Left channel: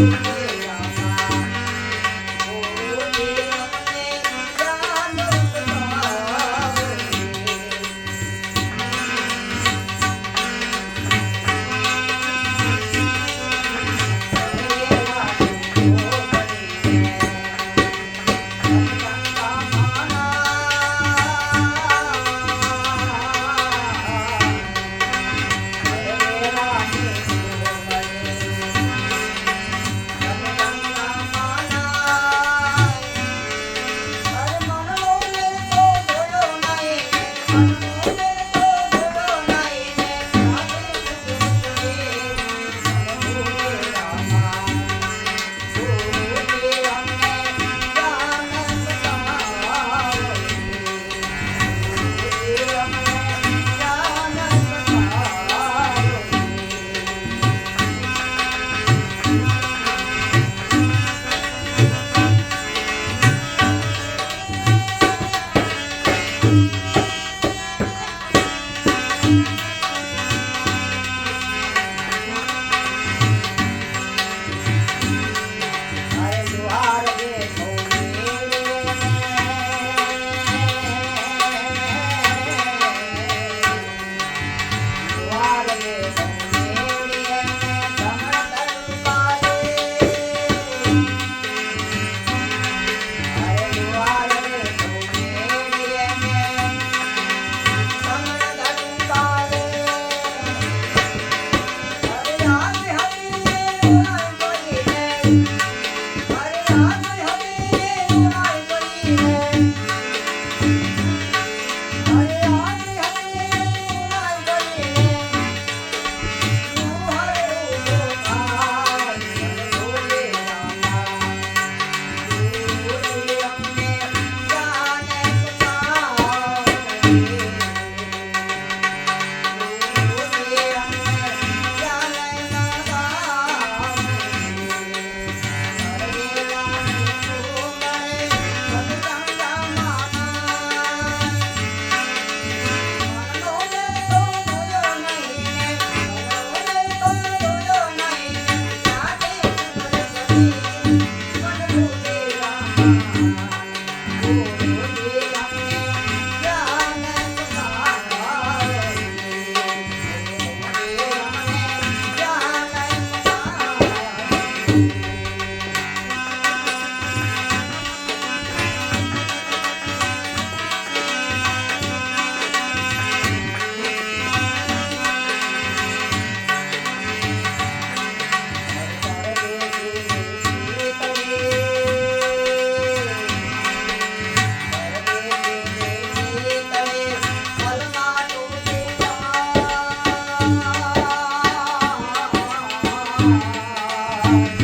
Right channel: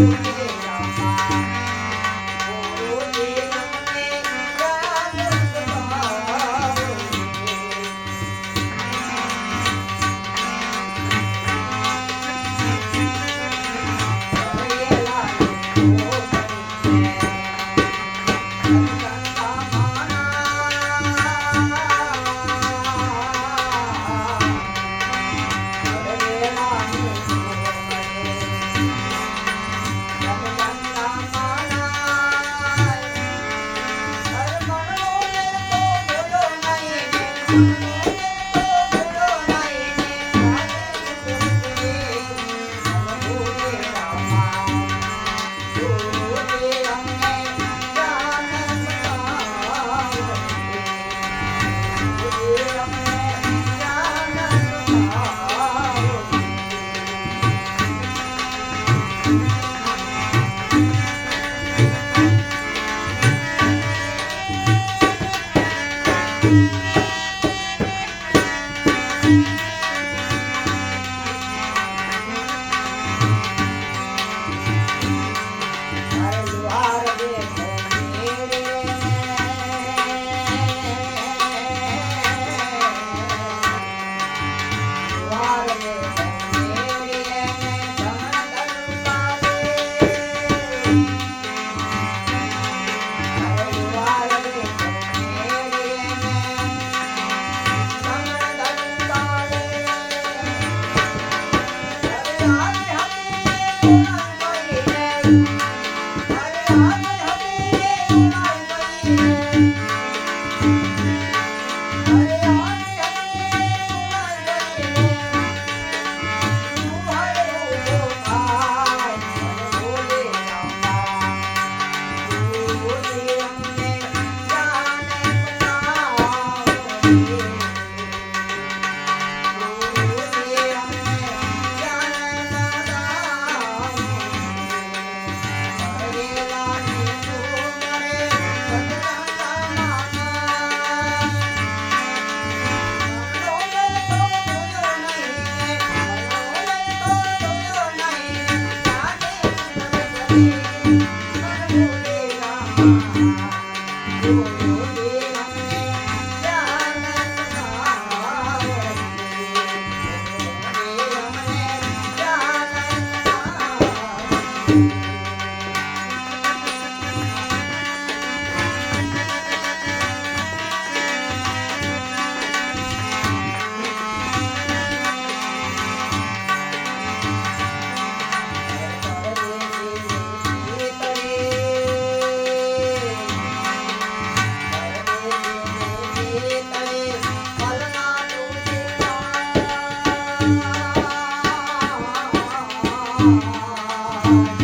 thank you Música thank you. Thank you.